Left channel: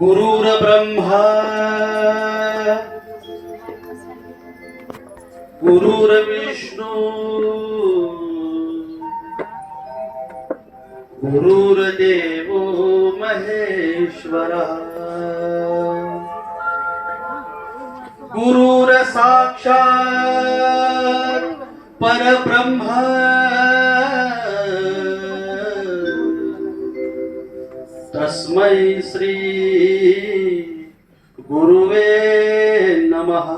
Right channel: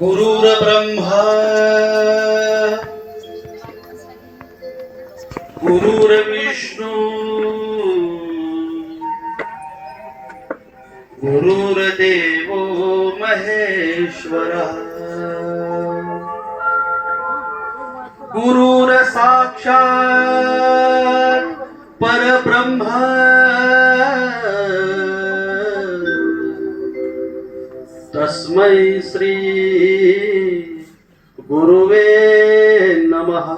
गुरुर्ब्रह्मा गुरुर्विष्णू गुरुर्देवो महेश्वरा गुरुर साक्षात परब्रह्मा तस्मै श्री गुरुवे नमः।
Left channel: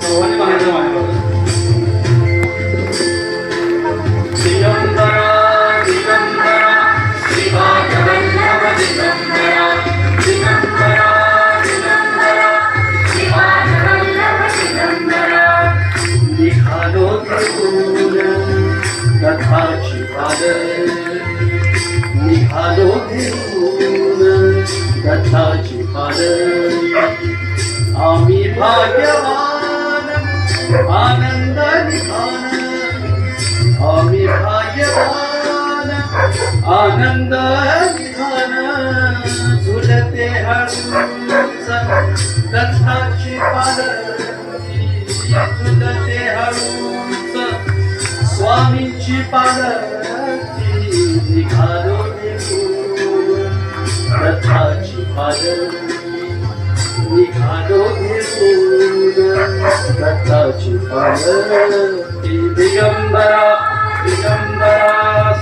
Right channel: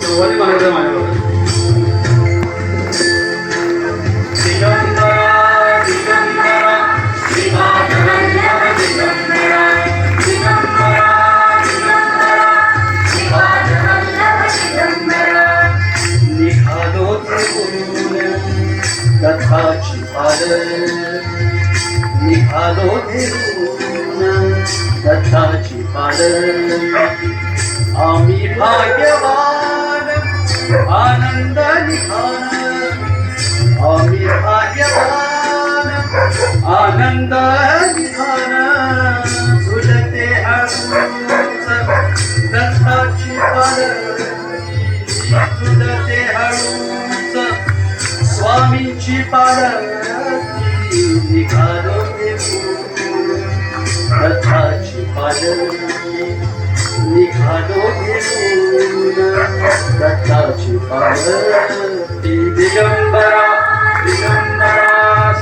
सर्वांनी म्हणायचं माझ्याबरोबर, कथाची पालन निघालो घेऊन कथाची पालन आम्ही भाग्यवान आनंद निघान आम्ही भाग्यवान आनंद निघान झुलते हळूच कथाची पालन झुलते हळूच स्वामींची पालखी निघालो घेऊन कथाची पालखी निघालो घेऊन कथाची पालखी दिगंबरा दिगंबरा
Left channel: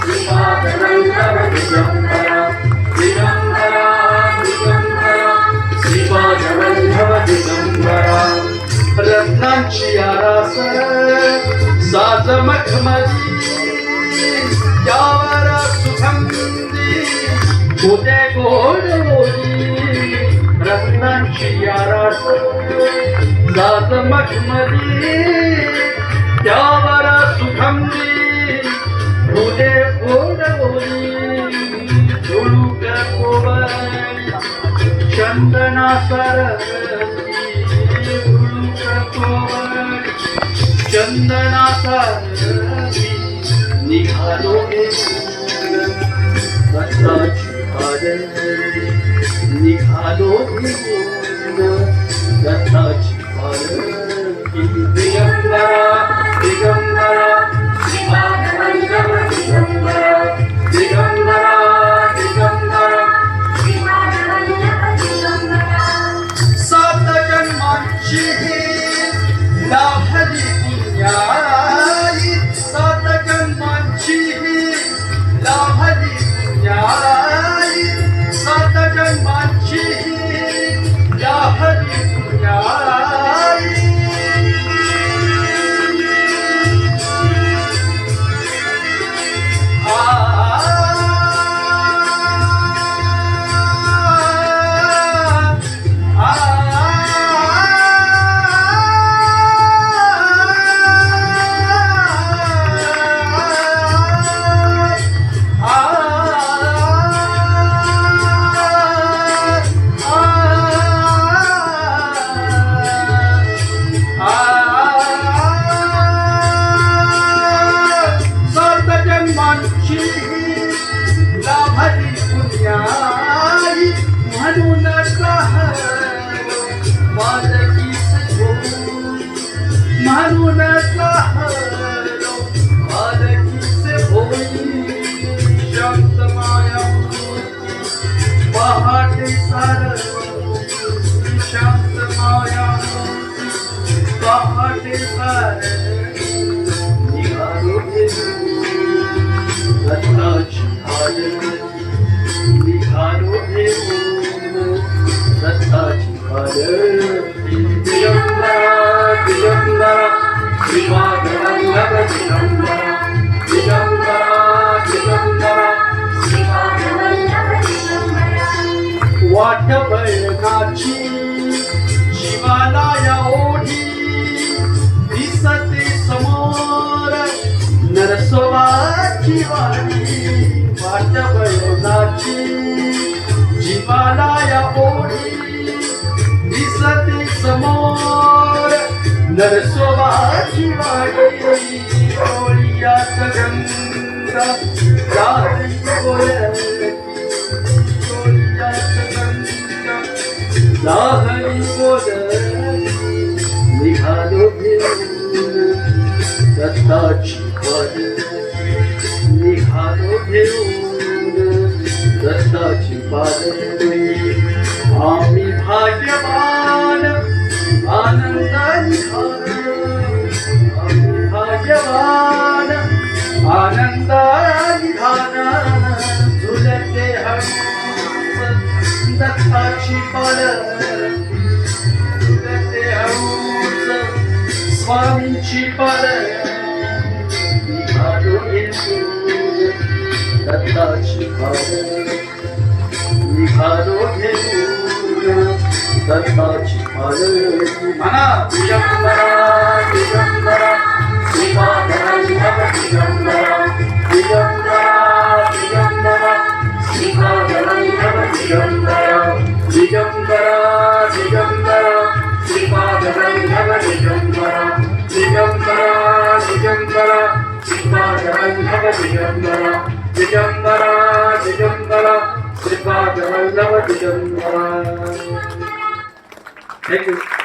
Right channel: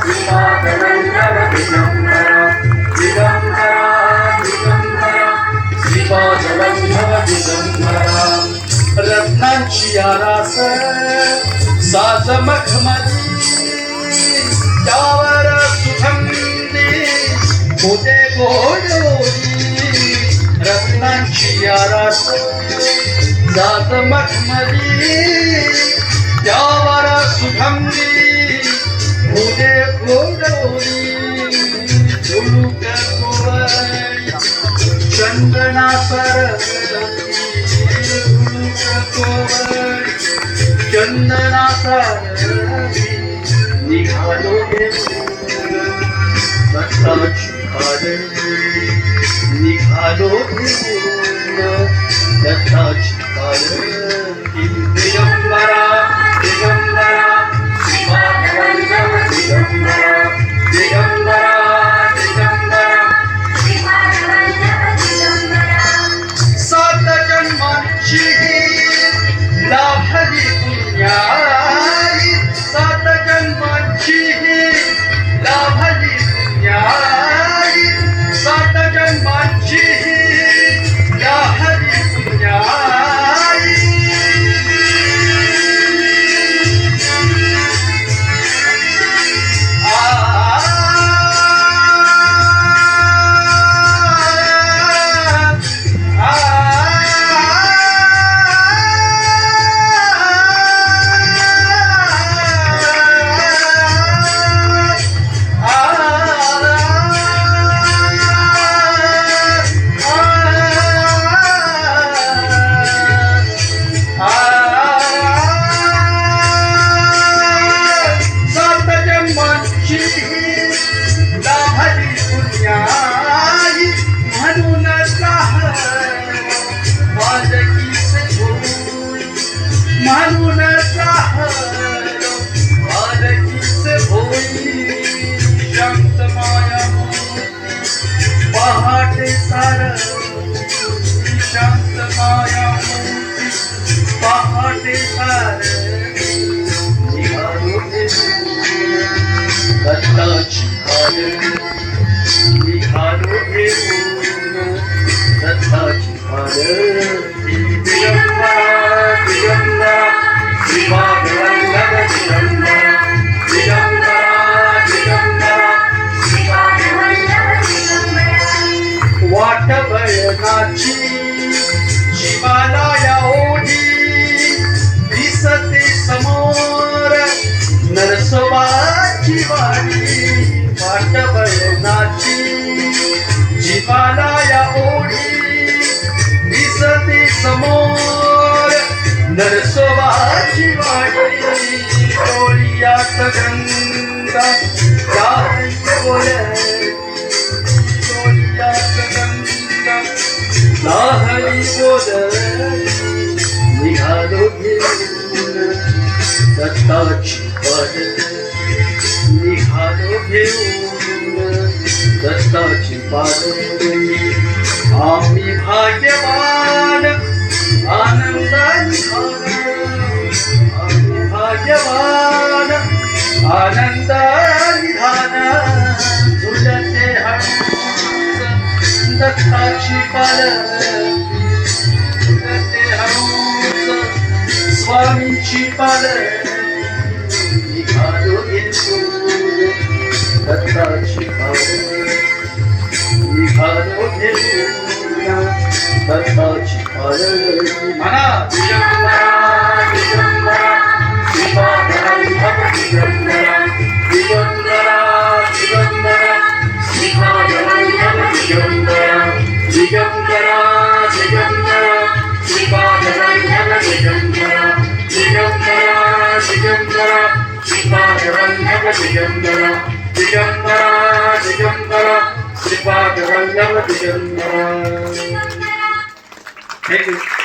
श्रीपादवल्लभ दिगंबरा दिगंबरा दिगंबरा श्रीपादवल्लभ दिगंबरा रत्नांची आरास साज मखमली त्यावर सुगंधी होते गोडोरी रत्नांची आरास साज मखमली त्यावर सुगंधी होते गोडोरी झुळूक कोवळी चंदना सरस्वती झुळूक कोवळी चंदना सारवी निघालो घेऊन कथाची पालखी निघालो घेऊन कथाची पालखी दिगंबरा दिगंबरा श्रीपादवल्लभ दिगंबरा दिगंबरा दिगंबरा श्रीपादवल्लभ दिगंबरा सात जन्मांची लाभली पुण्याई सात जन्मांची लाभली पुण्याई सात जन्मांची लाभली पुण्याई लाभली पुण्याई म्हणून माझकीस होई म्हणून माझकीस होई शांत माया पहाटे सार शांत माया पहाटे सार निघालो कथाची पालखी निघालो घेऊन कथाची पालखी दिगंबरा दिगंबरा श्रीपादवल्लभ दिगंबरा दिगंबरा दिगंबरा श्रीपादवल्लभ दिगंबरा वाट बळगाची जीवाला या ओढी दिसते समोर नरसोबाची वाडी वाट बळगाची जीवाला या ओढी दिसते नरसोबाची वाटली डोळ्यात गंगा जाई बोलती डोळ्यात गंगा जाई बोलती निघालो घेऊन दत्ताची पालखी निघालो घेऊन दत्ताची पालखी आम्ही भाग्यवान आनंदाची आम्ही भाग्यवान आनंदाची धान झुलते हंस दत्ताची पालखी झुलते हंस स्वामींची पालखी निघालो घेऊन दत्ताची पालखी निघालो घेऊन दत्ताची पालखी म्हणा दिगंबरा दिगंबरा श्रीपादवल्लभ दिगंबरा दिगंबरा दिगंबरा श्रीपादवल्लभ दिगंबरा दिगंबरा दिगंबरा श्रीपादवल्लभ दिगंबरा दिगंबरा दिगंबरा श्रीपादवल्लभ दिगंबरा दिगंबरा दिगंबरा श्रीपादवल्लभ दिगंबरा. Thank you.